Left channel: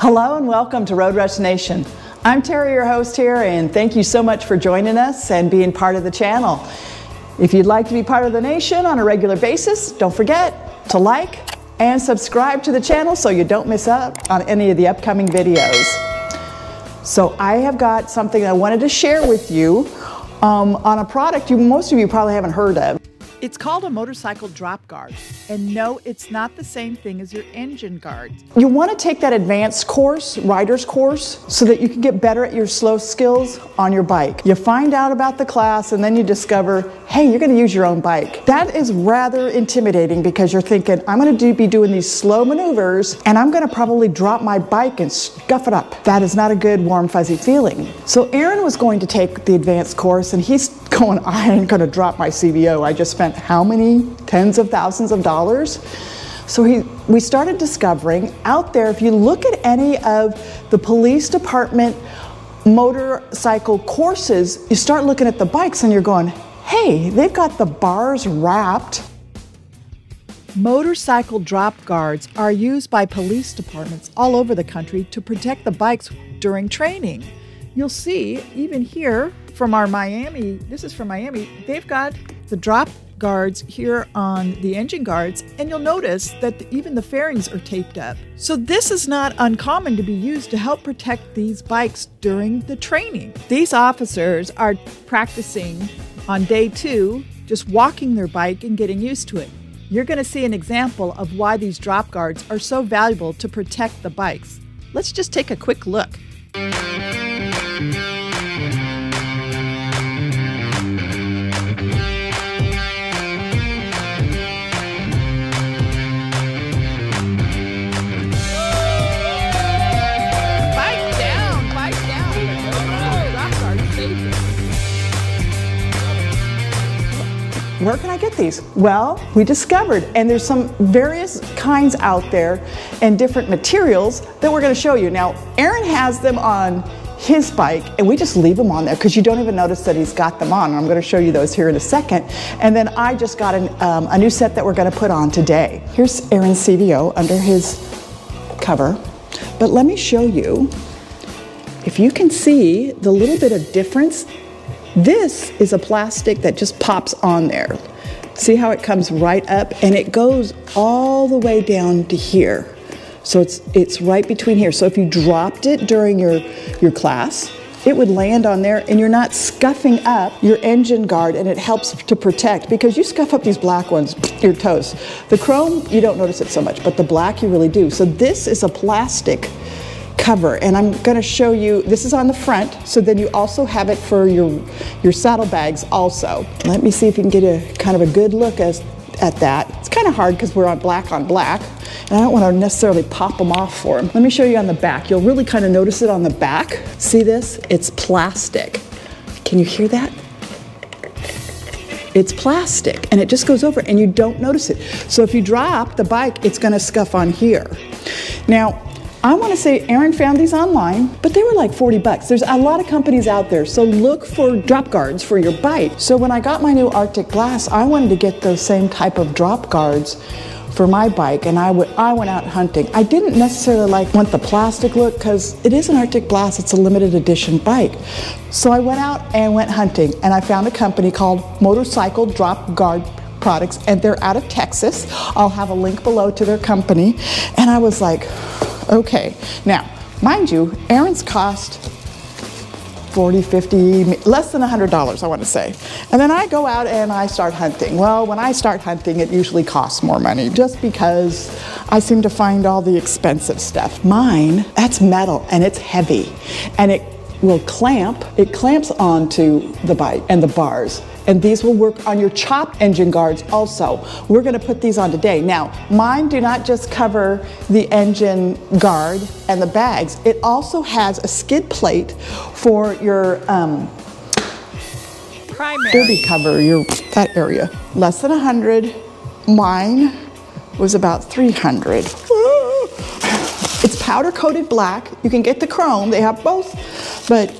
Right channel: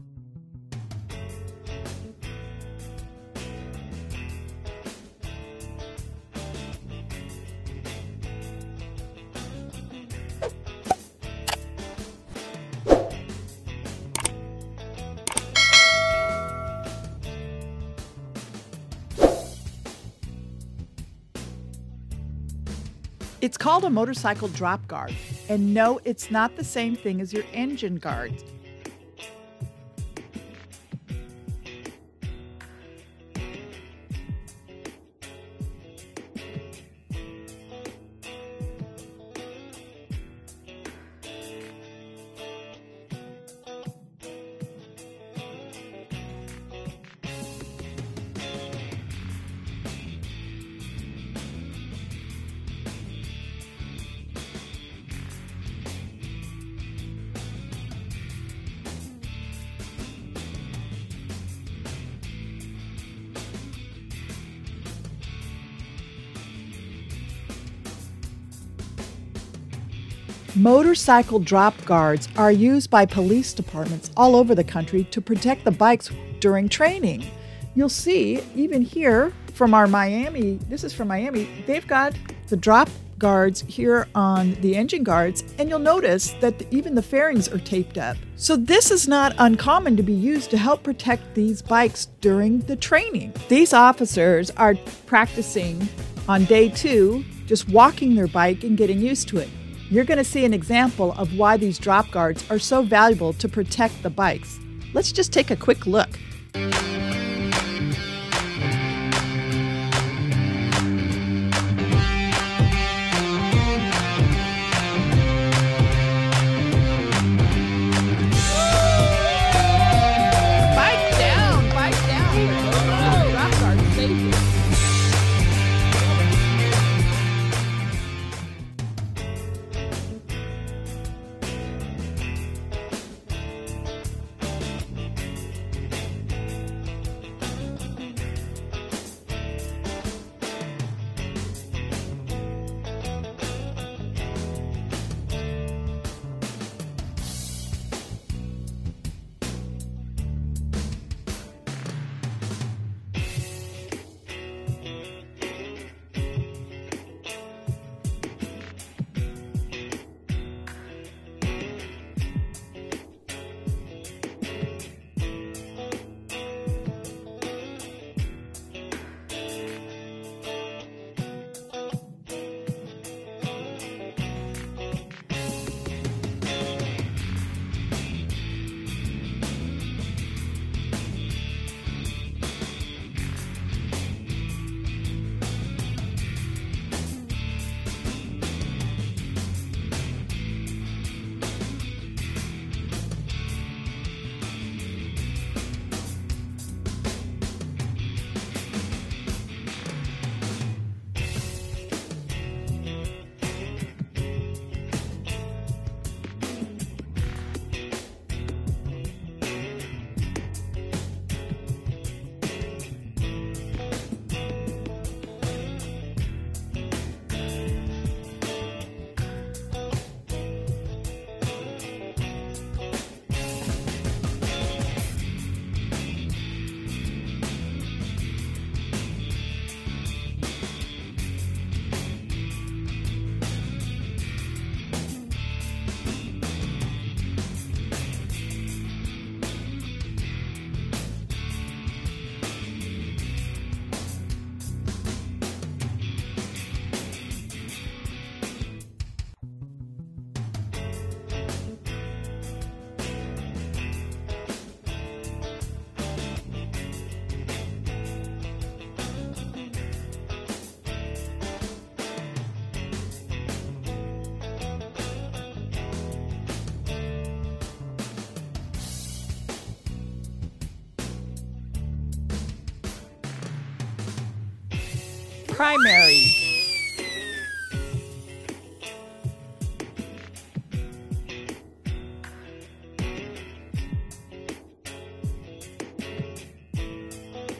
Hello and welcome to Road Rush Nation. I'm Terry, your host here, and thank you so much for joining us and being part of the channel. If you'd like to be part of the nation on a regular basis, don't forget to like and subscribe to the channel so you don't miss out on any of the upcoming videos. So I have got something I wanted to share with you on a product most of you probably haven't heard of. It's called a motorcycle drop guard. And no, it's not the same thing as your engine guard. You want to take that advanced course, rider's course, so that you can get better at your slow skills on your bike. You find out about the class and then you discover, hey, you're going to use your own bike. That is rather intimidating because you're thinking, I'm going to be doing these slow maneuvers and I'm going to probably drop my bike and scuff it up. That is not a good, warm, fuzzy feeling. So Aaron was going to take the advanced course and he's going, I ain't going to drop my CVO. I just spent how many tens of thousands of dollars? So we started discovering out there, if you look at any of the police department motorcycle courses, you start looking at the bikes and you're going, hey, they've got the bars wrapped. Motorcycle drop guards are used by police departments all over the country to protect the bikes during training. You'll see, even here from our Miami, this is from Miami, they've got the drop guards here on the engine guards, and you'll notice that even the fairings are taped up. So this is not uncommon to be used to help protect these bikes during the training. These officers are practicing on day 2, just walking their bike and getting used to it. You're going to see an example of why these drop guards are so valuable to protect the bikes. Let's just take a quick look. Where can I get these? Well, we discovered, and there's some various kinds out there and different materials that we're going to show you. Now, Aaron has them on his bike, and we just leave them on there because you don't even notice that he's got them on. I'm going to show you those here in a second. And then I just got a new set that we're going to put on today. Here's Aaron's CVO under his cover. But let me show you, if you can see the little bit of difference. This is a plastic that just pops on there. See how it comes right up and it goes all the way down to here. So it's right between here. So if you dropped it during your class, it would land on there and you're not scuffing up your engine guard, and it helps to protect, because you scuff up these black ones, your toes. The chrome, you don't notice it so much, but the black you really do. So this is a plastic cover, and I'm going to show you, this is on the front, so then you also have it for your saddlebags also. Let me see if you can get a kind of a good look at that. It's kind of hard because we're on black, and I don't want to necessarily pop them off for them. Let me show you on the back. You'll really kind of notice it on the back. See this? It's plastic. Can you hear that? It's plastic, and it just goes over, and you don't notice it. So if you drop the bike, it's going to scuff on here. Now, I want to say Aaron found these online, but they were like 40 bucks. There's a lot of companies out there, so look for drop guards for your bike. So when I got my new Arctic Glass, I wanted to get those same type of drop guards for my bike, and I went out hunting. I didn't necessarily want the plastic look because it is an Arctic Glass, it's a limited edition bike. So I went out and went hunting, and I found a company called Motorcycle Drop Guard Products, and they're out of Texas. I'll have a link below to their company, and I was like, okay. Now, mind you, Aaron's cost $40, $50, less than $100, I want to say. And then I go out and I start hunting. Well, when I start hunting, it usually costs more money just because I seem to find all the expensive stuff. Mine, that's metal and it's heavy, and it will clamp. It clamps onto the bike and the bars. And these will work on your chop engine guards also. We're going to put these on today. Now, mine do not just cover the engine guard and the bags. It also has a skid plate for your primary cover, that area. Less than 100. Mine was about 300. It's powder coated black. You can get the chrome. They have both, but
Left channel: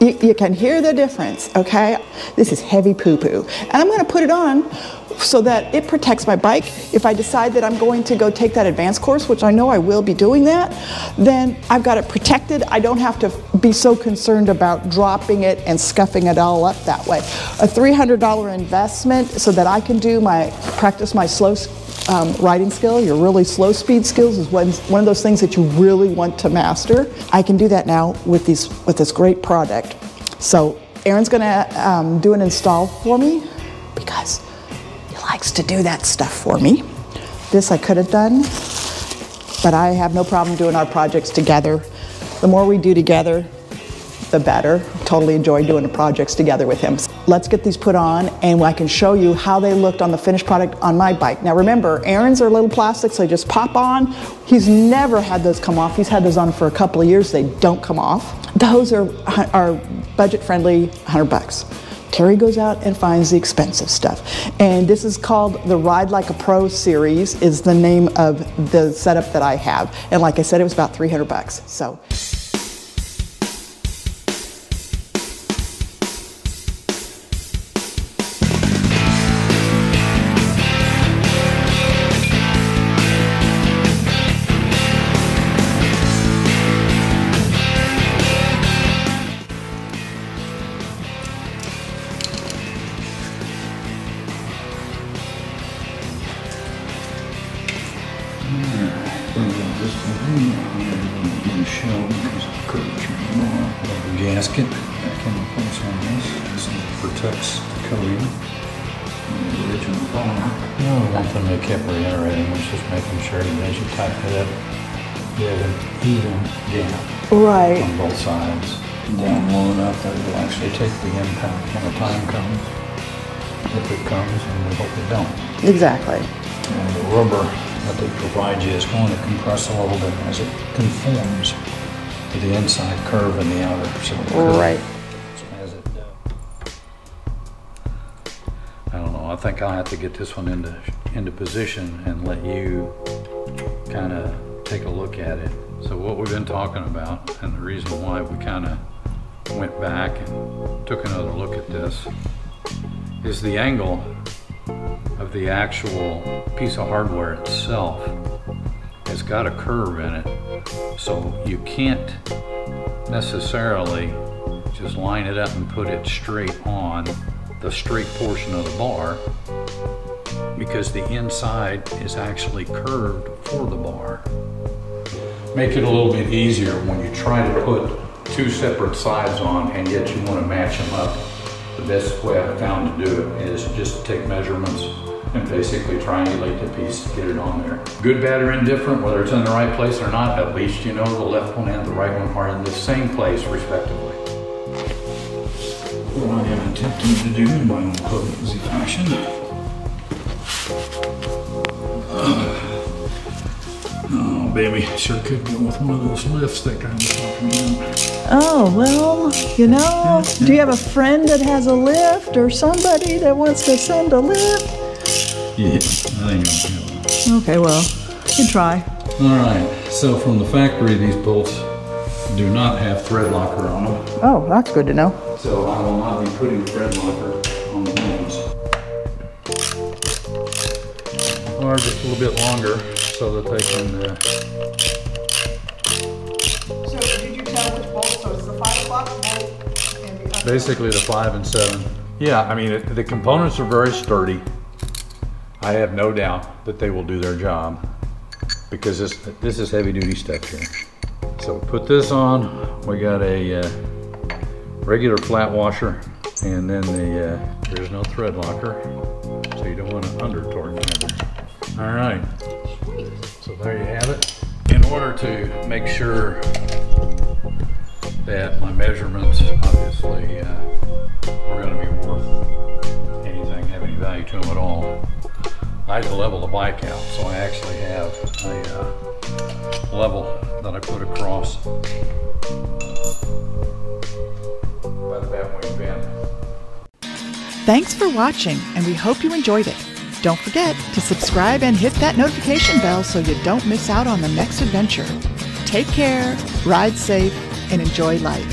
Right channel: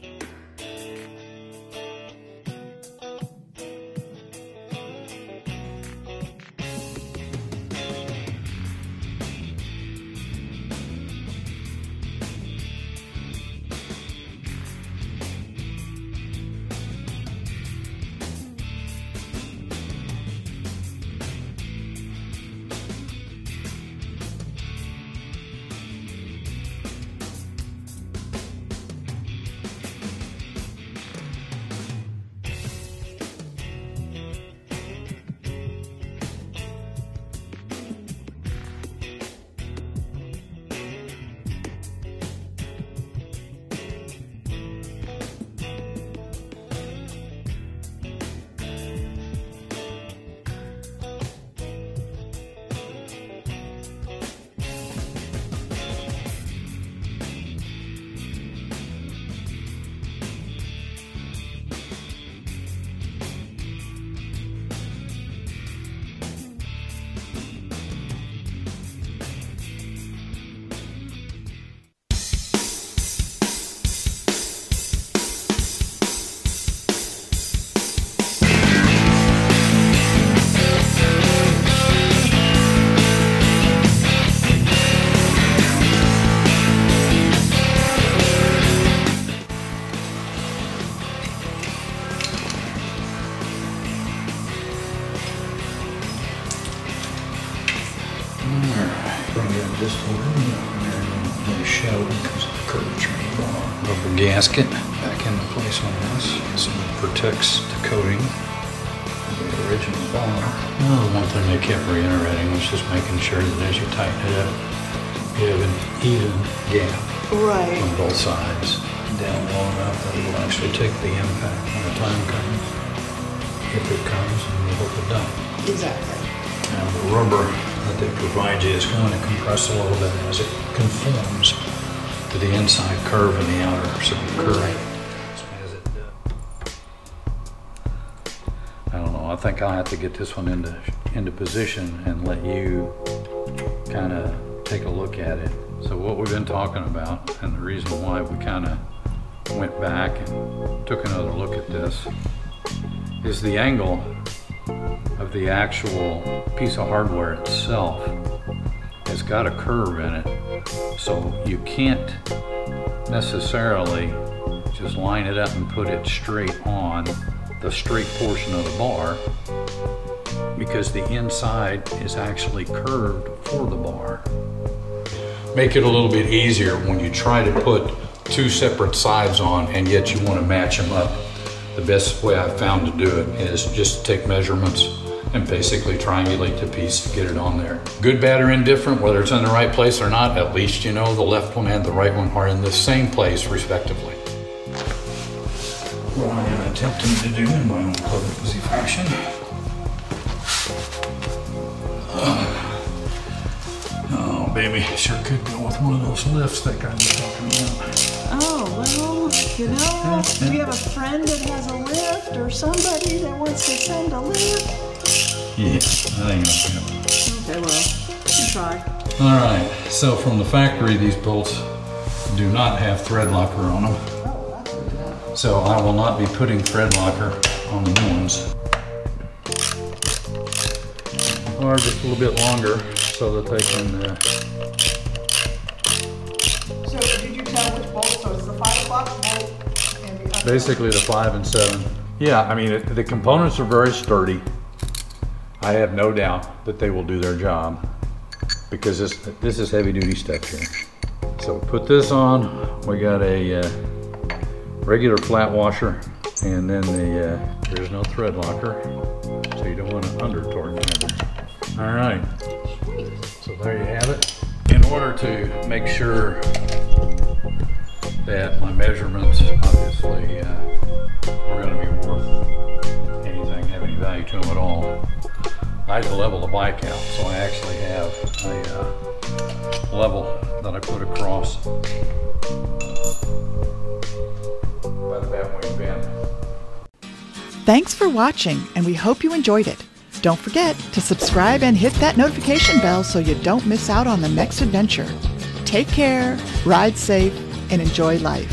you can hear the difference, okay? This is heavy poo-poo. And I'm gonna put it on so that it protects my bike. If I decide that I'm going to go take that advanced course, which I know I will be doing that, then I've got it protected. I don't have to be so concerned about dropping it and scuffing it all up that way. A $300 investment so that I can practice my slow riding skill. Your really slow speed skills is one of those things that you really want to master. I can do that now with this great product. So Aaron's gonna do an install for me because he likes to do that stuff for me. This I could have done, but I have no problem doing our projects together. The more we do together, the better. Totally enjoy doing the projects together with him. Let's get these put on and I can show you how they looked on the finished product on my bike. Now remember, Aaron's are little plastic, so they just pop on. He's never had those come off. He's had those on for a couple of years. They don't come off. Those are budget friendly, 100 bucks. Terry goes out and finds the expensive stuff. And this is called the Ride Like a Pro series is the name of the setup that I have. And like I said, it was about 300 bucks. So. This rubber gasket back into place on this. This protects the coating. The original bar. The one thing they kept reiterating was just making sure that as you tighten it up, you have an even gap on both sides. Down low enough that it will actually take the impact when the time comes. If it comes, and we hope it don't. Exactly. And the rubber that they provide you is going to compress a little bit as it conforms to the inside curve and the outer. So right. As it, I don't know. I think I'll have to get this one into position and let you kind of take a look at it. So what we've been talking about, and the reason why we kind of went back and took another look at this, is the angle of the actual piece of hardware itself has got a curve in it, so you can't necessarily just line it up and put it straight on the straight portion of the bar, because the inside is actually curved for the bar. Make it a little bit easier when you try to put two separate sides on and yet you want to match them up. The best way I've found to do it is just to take measurements and basically triangulate the piece to get it on there. Good, bad, or indifferent, whether it's in the right place or not, at least you know the left one and the right one are in the same place, respectively. What I am attempting to do in my own clumsy fashion. Oh, baby, sure could go with one of those lifts that guy was talking about. Oh, well, you know, do you have a friend that has a lift or somebody that wants to send a lift? Yeah, I think I'll do it. Okay, well, you can try. All right, so from the factory, these bolts do not have thread locker on them. Oh, that's good to know. So I will not be putting thread locker on the ones. Or just a little bit longer so that they can... So did you tell which bolt? So it's the 5 o'clock bolt and the other basically the 5 and 7. Yeah, I mean, the components are very sturdy. I have no doubt that they will do their job because this is heavy duty stuff here. So put this on, we got a regular flat washer, and then there's no thread locker, so you don't want to under torque it. All right, so there you have it. In order to make sure that my measurements obviously are going to be worth anything, have any value to them at all, I had to level the bike out, so I actually have a level that I put across by the Batwing bend. Thanks for watching, and we hope you enjoyed it. Don't forget to subscribe and hit that notification bell so you don't miss out on the next adventure. Take care, ride safe, and enjoy life.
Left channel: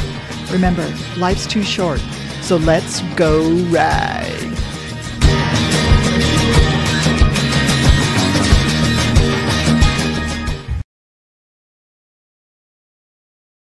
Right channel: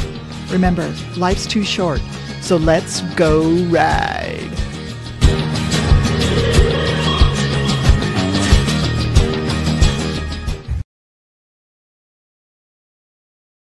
Remember, life's too short, so let's go ride.